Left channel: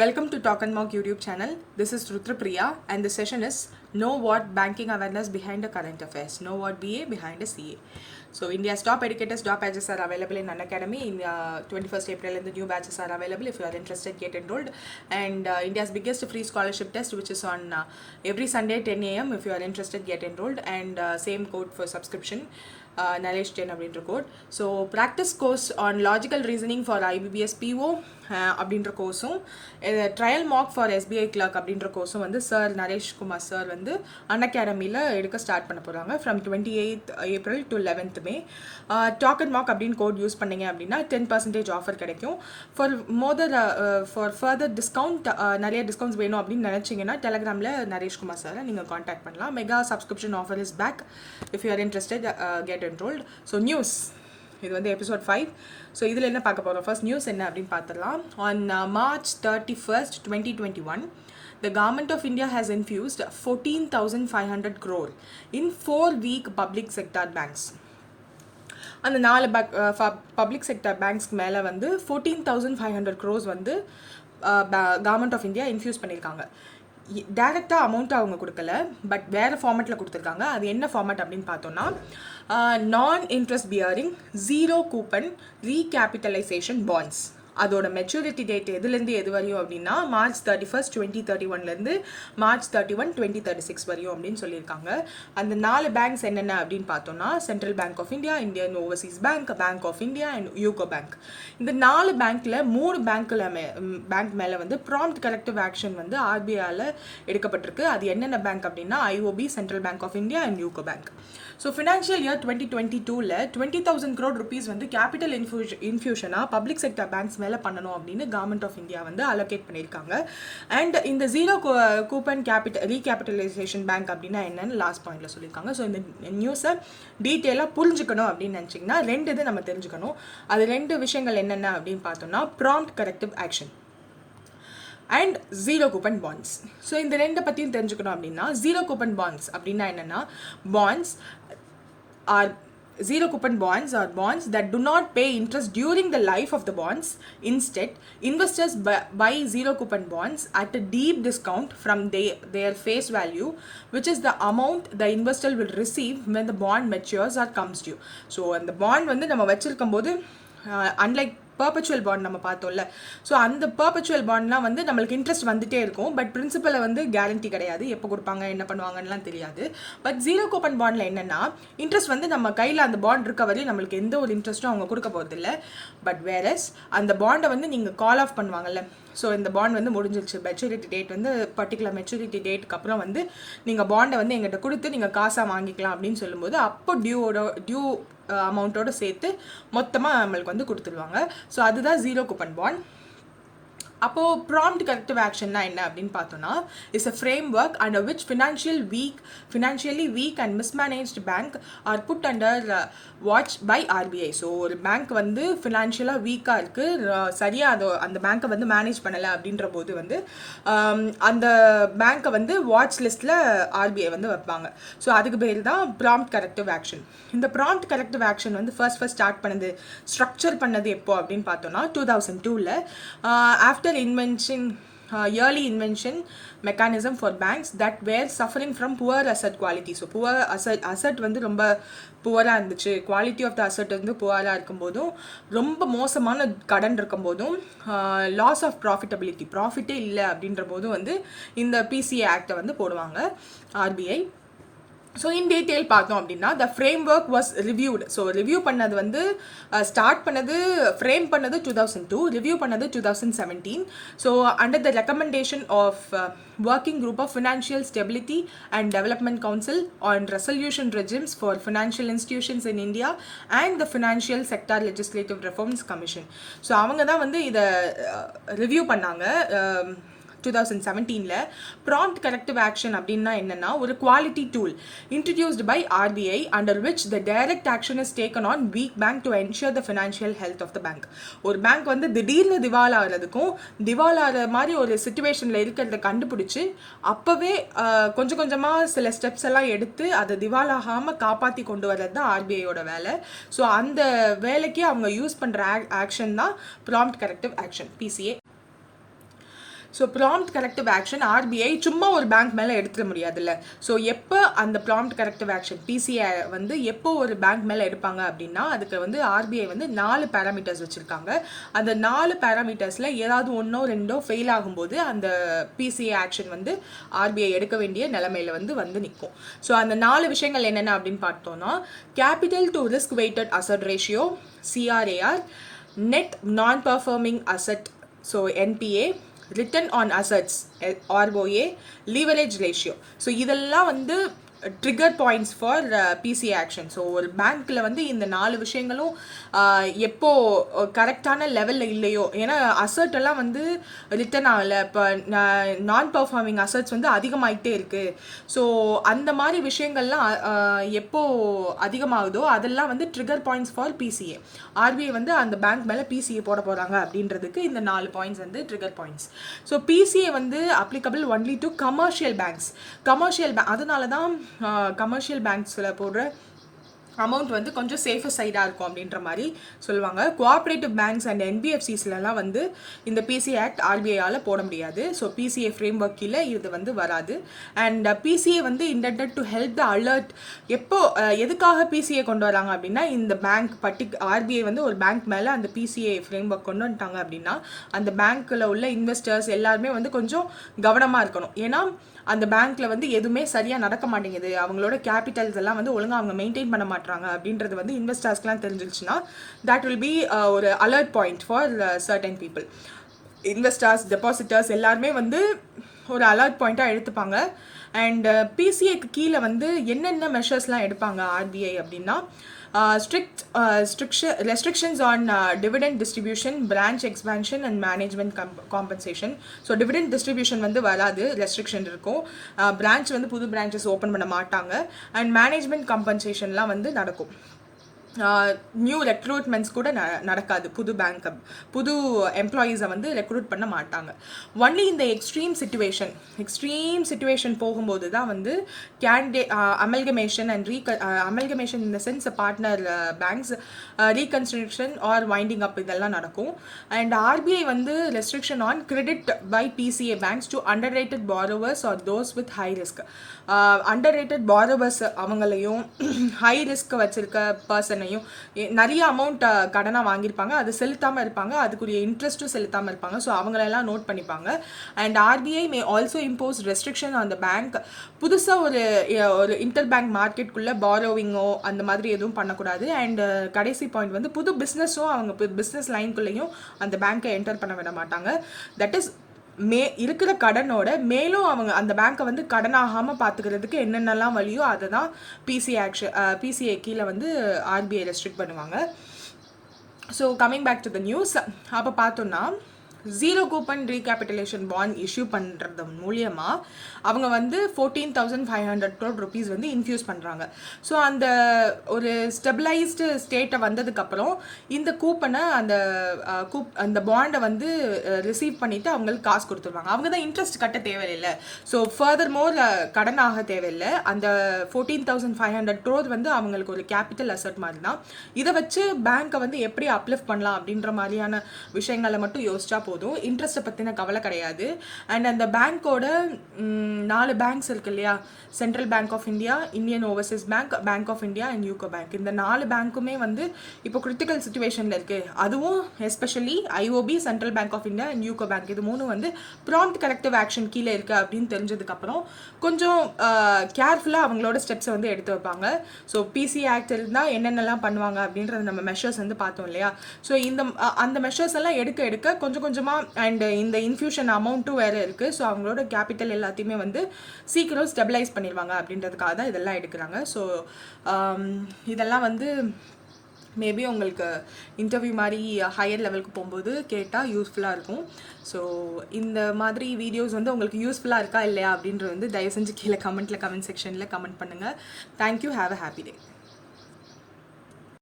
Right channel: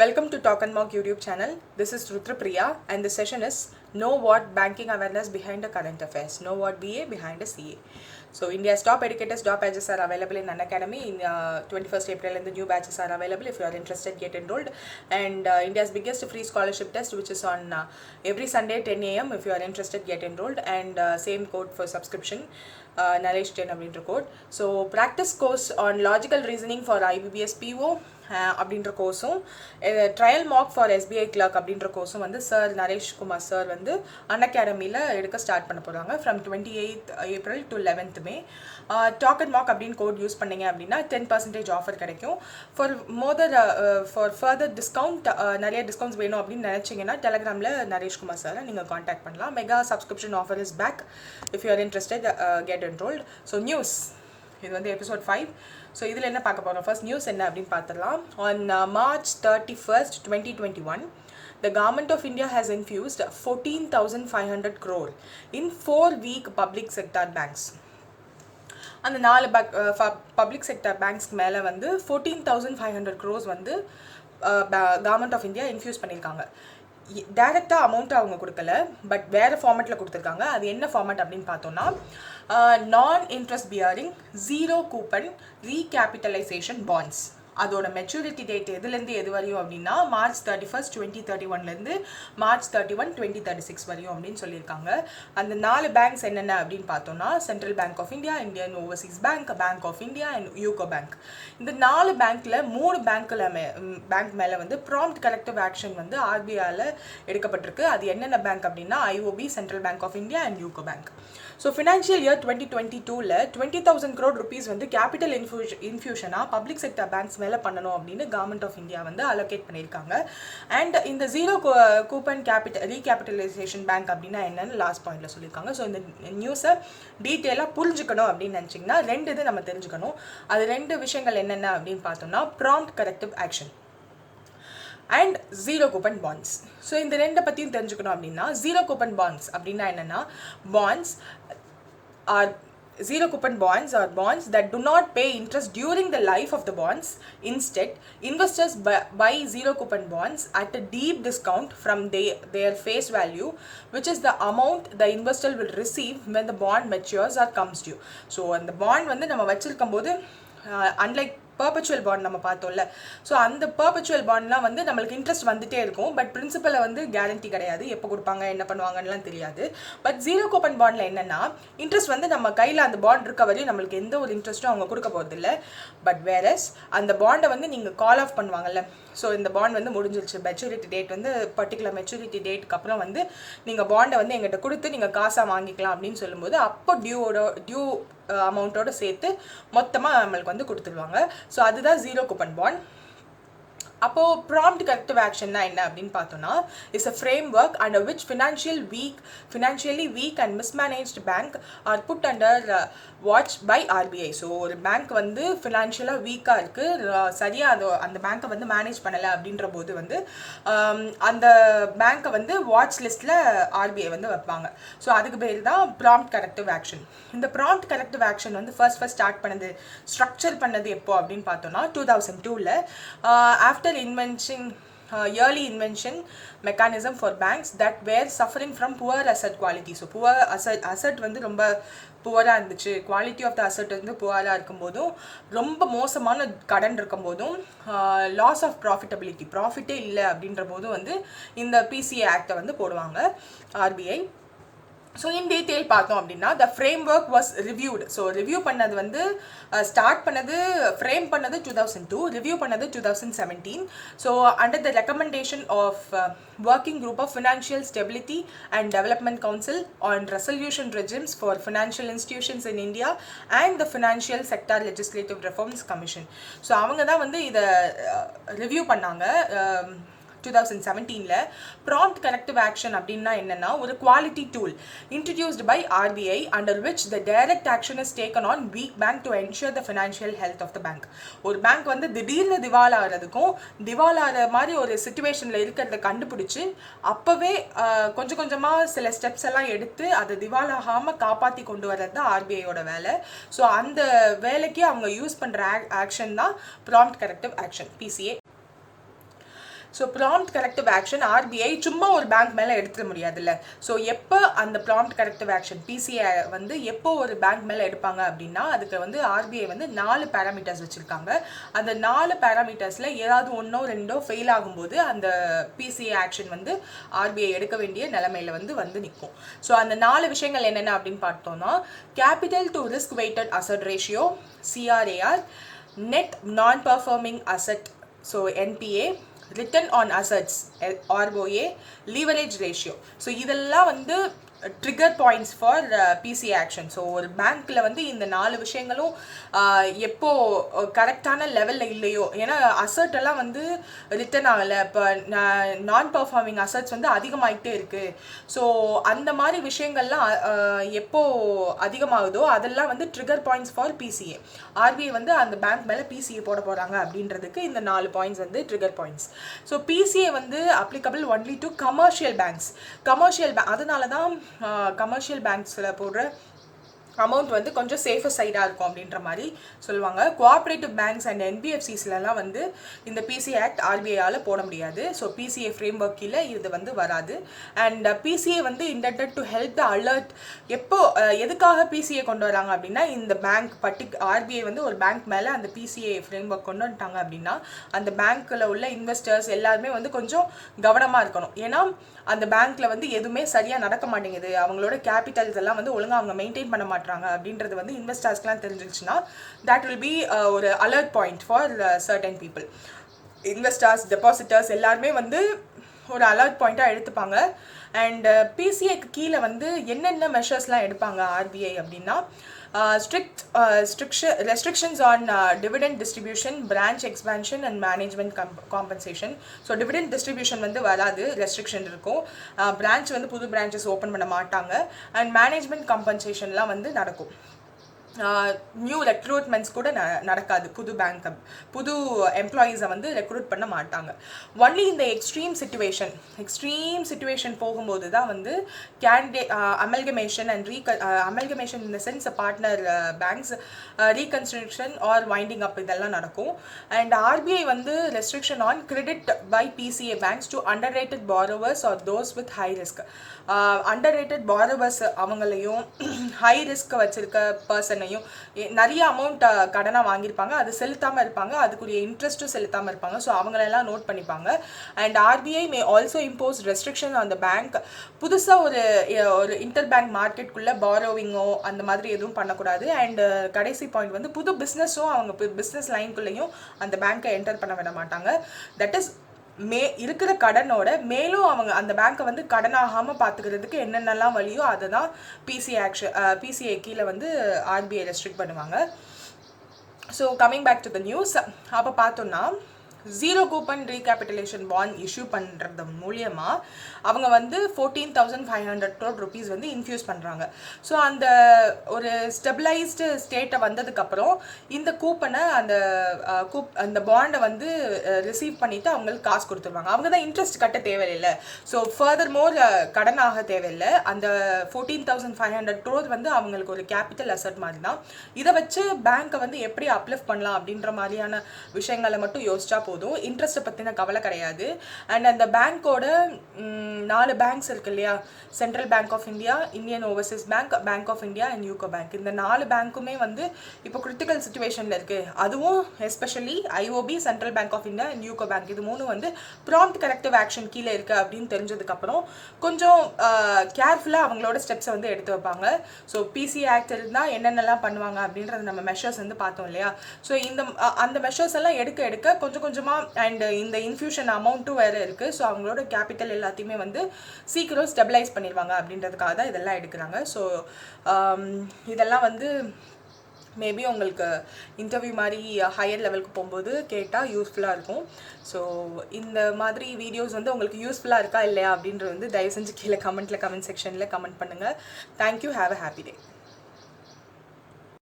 Welcome to Talk and Mock YouTube channel. This is Rudrapriya and the session is Know What Banking Awareness Behind the Current Affairs. Know what BA behind a CA. So India's top educators, top batches are available in Unacademy. In 21st April and the new batches are available. If you are interested, get enrolled. And India's biggest free scholarship test, which is on every Sunday 10 a.m. If you are interested, get enrolled. And same code for subscription. Nalesh Jain அப்படின்ற code. So practice course on logical reasoning for IBBS PO அப்படின்ற கோர்ஸும் trial mark for SBI clerk அப்படின்ற கோர்ஸும் வந்து sir Naresh Kumar sir வந்து அன்அகாடமியில் எடுக்க start பண்ண போகிறாங்க from 28th April to 11th May. Talk and mark அப்படின்னு கோட் யூஸ் பண்ணிங்க அப்படின்னா 10% ஆஃபர் கிடைக்கும். ஃபார் ஃபர்தர் டிஸ்கவுண்ட் நிறைய டிஸ்கவுண்ட்ஸ் வேணும் அப்படின்னு நினச்சிங்கன்னா டெலகிராமில் நரேஷ்குமார் சாரை நீங்கள் காண்டாக்ட் பண்ணலாம். Mega subscription offer is back. If you are interested get enrolled. So news இது வந்து எபிசோட் 5. ஸோ இதில் என்ன பார்க்க போகிறோம், ஃபர்ஸ்ட் நியூஸ் என்ன அப்படின்னு பார்த்துடலாம். On March 31st, 2021, the Government of India has infused 14,500 crore in 4-week public sector banks. அந்த 4 பப்ளிக் செக்டர் பேங்க்ஸ்க்கு மேலே வந்து 14,500 crores வந்து கவர்மெண்ட் ஆஃப் இந்தியா இன்ஃப்யூஸ் பண்ணியிருக்காங்க. டைரெக்டாக அமௌண்ட்டு அவங்க கொடுக்கல, பட் வேறு ஃபார்மேட்டில் கொடுத்துருக்காங்க. அது என்ன ஃபார்மேட் அப்படின்னு பார்த்தோன்னா நான் இன்ட்ரெஸ்ட் பியரிங் 0 கூப்பன் ரீகேபிட்டலைசேஷன் பாண்ட்ஸ். அதோட மெச்சூரிட்டி டேட் எதுலேருந்து எது வரையும் அப்படின்னா March 31st, 2031 March 31, 2036 வரையும் அப்படின்னு சொல்லியிருக்காங்க. அந்த 4 பேங்க்ஸ் என்னென்ன அப்படின்னு பார்த்தோன்னா central bank of India, Indian overseas bank, bank of India and UCO bank. இந்த 4 பேங்க்கில் 3 பேங்க் மேலே வந்து ப்ராம்ப்ட் கரெக்டிவ் ஆக்ஷன் வந்து RBIயால் எடுக்கப்பட்டிருக்கு. அது என்னென்ன பேங்க் அப்படின்னா IOB, central bank of India and UCO bank. So financial year 2022ல் 20,000 crore rupees வந்து கேபிட்டல் இன்ஃபியூஷனாக பப்ளிக் செக்டர் பேங்க்ஸ் மேலே பண்ணணும் அப்படின்னு கவர்மெண்ட் ஆஃப் இந்தியா வந்து அலோகேட் பண்ணியிருக்காங்க. அண்ட் இந்த 0 கூப்பன் ரீகேபிட்டலைசேஷன் பேங்க் அப்படின்னா என்னன்னு லாஸ்ட் பாயிண்ட்ல சொல்லியிருக்காங்க. ஸோ இந்த நியூஸை டீட்டெயிலாக புரிஞ்சுக்கணும் அப்படின்னு நினச்சிங்கன்னா 2 இது நம்ம தெரிஞ்சுக்கணும். அது 2 விஷயங்கள் என்னென்ன அப்படின்னு பார்த்தோம்னா prompt corrective action and 0 coupon bonds. So இந்த 2 பற்றியும் தெரிஞ்சுக்கணும் அப்படின்னா 0 கூப்பன் பாண்ட்ஸ் அப்படின்னா என்னென்னா bonds R 0 coupon bonds are bonds that do not pay interest during the life of the bonds. Instead, investors buy 0 coupon bonds at a deep discount from their face value, which is the amount the investor will receive when the bond matures or comes due. So, அந்த bond வந்து நம்ம வச்சிருக்கும் போது unlike perpetual bond நம்ம பார்த்தோம்ல, so அந்த perpetual பாண்ட்லாம் வந்து நம்மளுக்கு இன்ட்ரெஸ்ட் வந்துட்டே இருக்கும், பட் பிரின்சிபலை வந்து கேரண்டி கிடையாது, எப்போ கொடுப்பாங்க என்ன பண்ணுவாங்கலாம் தெரியாது. பட் 0 கூப்பன் பாண்டில் என்னென்னா இன்ட்ரெஸ்ட் வந்து நம்ம கையில் அந்த பாண்ட் இருக்க வரையும் நம்மளுக்கு எந்த ஒரு இன்ட்ரெஸ்ட்டும் அவங்க கொடுக்க போகிறதில்ல. பட் வேறஸ் அந்த பாண்டை வந்து நீங்கள் கால் ஆஃப் பண்ணுவாங்கல்ல, ஸோ இந்த பாண்ட் வந்து முடிஞ்சிருச்சு, மெச்சூரிட்டி டேட் வந்து பர்டிகுலர் மெச்சூரிட்டி டேட்டுக்கு அப்புறம் வந்து நீங்கள் பாண்டை வந்து எங்கிட்ட கொடுத்து நீங்கள் காசாக வாங்கிக்கலாம் அப்படின்னு சொல்லும்போது அப்போ டியூ அமௌண்ட்டோடு சேர்த்து மொத்தமாக நம்மளுக்கு வந்து கொடுத்துருவாங்க. ஸோ அதுதான் 0 கூப்பன் பாண்ட். அப்போது ப்ராம்ப்ட் கரெக்டிவ் ஆக்ஷன்னா என்ன அப்படின்னு பார்த்தோன்னா is a framework under which financially weak and mismanaged bank are put under watch by RBI. So ஒரு பேங்க் வந்து ஃபினான்ஷியலாக வீக்காக இருக்குது, சரியாக அந்த பேங்க்கை வந்து மேனேஜ் பண்ணலை அப்படின்ற போது வந்து அந்த பேங்க்கை வந்து வாட்ச் லிஸ்ட்டில் RBI வந்து வைப்பாங்க. ஸோ அதுக்கு பேர் தான் ப்ராம்ப்ட் கரெக்டிவ் ஆக்ஷன். இந்த ப்ராம்ப்ட் கரெக்டிவ் ஆக்ஷன் வந்து ஃபர்ஸ்ட் ஸ்டார்ட் பண்ணது, ஸ்ட்ரக்சர் பண்ணது எப்போ அப்படின்னு பார்த்தோன்னா 2002ல் after early invention mechanism for banks that were suffering from poor asset quality. So poor asset வந்து ரொம்ப புவராக இருந்துச்சு, குவாலிட்டி ஆஃப் த அசட் வந்து புவராக இருக்கும்போதும் ரொம்ப மோசமான கடன் இருக்கும்போதும் லாஸ் ஆஃப் ப்ராஃபிட்டே இல்லை அப்படின்ற போதும் வந்து இந்த PCA ஆக்டை வந்து போடுவாங்க RBI. ஸோ இன் டீட்டெயில் பார்த்தோம் அப்படின்னா த frame work was reviewed. So review பண்ணது வந்து ஸ்டார்ட் பண்ணது, ஃப்ரேம் பண்ணது 2002, ரிவ்யூ பண்ணது 2017. So under the recommendation of working group of financial stability and development council on resolution regimes for financial institutions in India and the financial sector legislative reforms commission. So அவங்க தான் வந்து இதை review பண்ணாங்க 2017ல். Prompt corrective action அப்படின்னா என்னென்னா ஒரு quality tool introduced by RBI under which the direct action is taken on weak bank to ensure the financial health of the bank. ஒரு bank வந்து திடீர்னு திவால் ஆகிறதுக்கும் திவால் ஆகிற மாதிரி ஒரு சிச்சுவேஷனில் இருக்கிறத கண்டுபிடிச்சி அப்போவே கொஞ்சம் கொஞ்சமாக சில ஸ்டெப்ஸ் எல்லாம் எடுத்து அதை திவால் ஆகாமல் காப்பாற்றி கொண்டு வர்றது தான் RBIயோட வேலை. ஸோ அந்த வேலைக்கு அவங்க யூஸ் பண்ணுற ஆக்ஷன் தான் prompt corrective action PCA. So prompt corrective action RBI சும்மா ஒரு பேங்க் மேலே எடுத்துட முடியாதுல்ல. ஸோ எப்போ அந்த ப்ராம்ப்ட் கரெக்டிவ் ஆக்ஷன் பிசிஐ வந்து எப்போ ஒரு பேங்க் மேலே எடுப்பாங்க அப்படின்னா அதுக்கு வந்து ஆர்பிஐ வந்து 4 பேராமீட்டர்ஸ் வச்சுருக்காங்க. அந்த 4 பேராமீட்டர்ஸில் ஏதாவது ஒன்றோ ரெண்டோ ஃபெயில் ஆகும்போது அந்த பிசிஐ ஆக்ஷன் வந்து ஆர்பிஐ எடுக்க வேண்டிய நிலைமையில வந்து நிற்கும். ஸோ அந்த 4 விஷயங்கள் என்னென்ன அப்படின்னு பார்த்தோம்னா capital to risk weighted asset ratio CRAR, net non-performing asset so NPA, return on assets ROA, leverage ratio. So இதெல்லாம் வந்து trigger points for PCI action. So ஒரு பேங்க்கில் வந்து இந்த 4 விஷயங்களும் எப்போ கரெக்டான லெவலில் இல்லையோ, ஏன்னா அசட் எல்லாம் வந்து ரிட்டர்ன் ஆகலை, இப்போ நான் பர்ஃபார்மிங் அசட்ஸ் வந்து அதிகமாகிட்டே இருக்குது. ஸோ அந்த மாதிரி விஷயங்கள்லாம் எப்போ அதிகமாகுதோ அதெல்லாம் வந்து trigger points for PCA. RBI வந்து அந்த பேங்க் மேலே பிசிஏ போட போகிறாங்க அப்படின்றதுக்கு இந்த 4 பாயிண்ட்ஸ் வந்து ட்ரிகர் பாயிண்ட்ஸ். ஸோ பிசிஏ வந்து applicable only to commercial banks. Commercial bank அதனால தான் கமர்ஷியல் பேங்க்ஸில் போடுற அமௌண்ட் வந்து கொஞ்சம் சேஃபர் சைடாக இருக்கும் அப்படின்ற மாதிரி சொல்லுவாங்க. கோஆப்ரேட்டிவ் பேங்க்ஸ் அண்ட் என்பிஎஃப்சிஸ்லாம் வந்து இந்த பிசிஏ ஆக்ட் ஆர்பிஐயால் போட முடியாது. ஸோ பிசிஏ ஃப்ரேம் ஒர்க் கீழே இது வந்து வராது. அண்ட் பிசிஏ வந்து intended to help the alert. எப்போ எதுக்காக பிசிஏ கொண்டு வராங்க அப்படின்னா இந்த பேங்க் ஆர்பிஐ வந்து ஒரு பேங்க் மேலே அந்த பிசிஏ ஃப்ரேம் ஒர்க் கொண்டு வந்துட்டாங்க அப்படின்னா அந்த பேங்க்கில் உள்ள இன்வெஸ்டர்ஸ் எல்லாருமே வந்து கொஞ்சம் கவனமாக இருக்கணும். ஏன்னா அந்த பேங்க்ல வந்து எதுவுமே சரியாக நடக்க மாட்டேங்குது, அவங்களோட கேபிட்டல்ஸ் எல்லாம் வந்து ஒழுங்காக அவங்க மெயின்டைன் பண்ண மாட்டாங்க அப்படின்றது வந்து இன்வெஸ்டர்ஸ்க்குலாம் தெரிஞ்சிருச்சுன்னா தட் வில் பி ஒரு alert point for certain people. Investors, depositors எல்லாருமே வந்து ஒரு அலர்ட் பாயிண்ட்டாக எடுத்துப்பாங்க. அண்ட் பிசிஏக்கு கீழே வந்து என்னென்ன மெஷர்ஸ்லாம் எடுப்பாங்க ஆர்பிஐ அப்படின்னா restrictions on dividend distribution, branch expansion and management compensation. So dividend distribution வந்து வராது, ரெஸ்ட்ரிக்ஷன் இருக்கும். பிரான்ச் வந்து புது பிரான்ச்சஸ் ஓப்பன் பண்ண மாட்டாங்க. அண்ட் மேனேஜ்மெண்ட் காம்பன்சேஷன்லாம் வந்து நடக்கும். நியூ ரெக்ரூட்மெண்ட்ஸ் கூட நடக்காது. புது எம்ப்ளாயீஸை வந்து ரெக்ரூட் பண்ண மாட்டாங்க. ஒன்லி இந்த எக்ஸ்ட்ரீம் சிச்சுவேஷன் போகும்போது தான் வந்து candidate amalgamation and amalgamation in the sense partner banks reconstruction or winding up இதெல்லாம் நடக்கும். அண்ட் ஆர்பிஐ வந்து restriction on credit by PCA banks to underrated borrowers or those with high risk. Underrated borrowers அவங்களையும் high risk வச்சிருக்க பர்சனையும் நிறைய amount கடனாக வாங்கியிருப்பாங்க, அது செலுத்தாமல் இருப்பாங்க, அதுக்குரிய இன்ட்ரெஸ்ட்டும் செலுத்தாமல் இருப்பாங்க. ஸோ அவங்களெல்லாம் நோட் பண்ணிப்பாங்க. And RBI may also impose restriction on the bank. புதுசாக ஒரு இன்டர் பேங்க் மார்க்கெட்டுக்குள்ளே பாரோவிங்கோ அந்த மாதிரி எதுவும் பண்ணக்கூடாது. அண்ட் கடைசி பாயிண்ட் வந்து புது பிஸ்னஸும் அவங்க பிஸ்னஸ் லைனுக்குள்ளேயும் அந்த பேங்க்கை என்டர் பண்ண விட மாட்டாங்க. தட் இஸ் இருக்கிற கடனோட மேலும் அவங்க அந்த பேங்க்கை வந்து கடனாகாமல் பார்த்துக்கிறதுக்கு என்னென்னலாம் வழியோ அதை தான் பிசிஐ கீழே வந்து ஆர்பிஐ ரெஸ்ட்ரிக்ட் பண்ணுவாங்க. So coming back to the news, அப்போ பார்த்தோன்னா zero coupon recapitalisation bond issue பண்ணுறது மூலியமாக அவங்க வந்து 14,500 crore rupees வந்து இன்ஃப்யூஸ் பண்ணுறாங்க. ஸோ அந்த ஒரு ஸ்டெபிளைஸ்டு ஸ்டேட்டை வந்ததுக்கப்புறம் இந்த கூப்பனை அந்த பாண்டை வந்து ரிசீவ் பண்ணிவிட்டு அவங்களுக்கு காசு கொடுத்துருவாங்க. அவங்க தான் இன்ட்ரெஸ்ட் கட்ட தேவையில்லை. ஸோ ஃபர்தர் மோர் கடனாக தேவையில்லை. அந்த 14,500 crore வந்து அவங்களுக்கு ஒரு கேபிட்டல் அசட் மாதிரி தான். இதை வச்சு பேங்க்கை வந்து எப்படி அப்லிஃப்ட் பண்ணலாம் அப்படின்ற மாதிரியான விஷயங்களை மட்டும் யோசிச்சா போதும். இன்ட்ரெஸ்ட்டை பற்றின கவலை கிடையாது. அண்ட் அந்த பேங்க்கோட 4 பேங்க்ஸ் இருக்கு இல்லையா, central bank of India, Indian overseas bank, bank of India and UCO bank, இந்த 4 பேங்க்குமே வந்து இப்போ கிரிட்டிக்கல் சுச்சுவேஷனில் இருக்குது. அதுவும் especially IOB, central bank of India and UCO bank, இது 3 வந்து ப்ராம்ப்ட் கரெக்டிவ் ஆக்ஷன் கீழே இருக்குது அப்படின்னு தெரிஞ்சதுக்கப்புறம் கொஞ்சம் கேர்ஃபுல்லாக அவங்களோட ஸ்டெப்ஸை வந்து எடுத்து வைப்பாங்க. ஸோ பிசி ஆக்ட் இருந்தால் என்னென்னலாம் பண்ணுவாங்க அப்படின்றது நம்ம மெஷர்ஸ் வந்து பார்த்தோம் இல்லையா. ஸோ அந்த மெஷர்ஸ் எல்லாம் எடுக்க கொஞ்சம் கொஞ்சமாக அண்ட் இந்த இன்ஃபியூஷன் அமௌண்ட்டும் வேறு இருக்குது. ஸோ அவங்களோட கேபிட்டல் எல்லாத்தையுமே வந்து சீக்கிரம் ஸ்டெபிளைஸ் பண்ணிடுவாங்க அப்படின்றதுக்காக தான் இதெல்லாம் எடுக்கிறாங்க. ஸோ இதெல்லாம் வந்து மேபி உங்களுக்கு இன்டர்வியூ மாதிரி ஹையர் லெவலுக்கு போகும்போது கேட்டால் யூஸ்ஃபுல்லாக இருக்கும். ஸோ இந்த மாதிரி வீடியோஸ் வந்து உங்களுக்கு யூஸ்ஃபுல்லாக இருக்கா இல்லையா அப்படின்றது வந்து தயவு செஞ்சு கீழே கமெண்ட் செக்ஷனில் கமெண்ட் பண்ணுங்கள். Thank you. Have a happy day.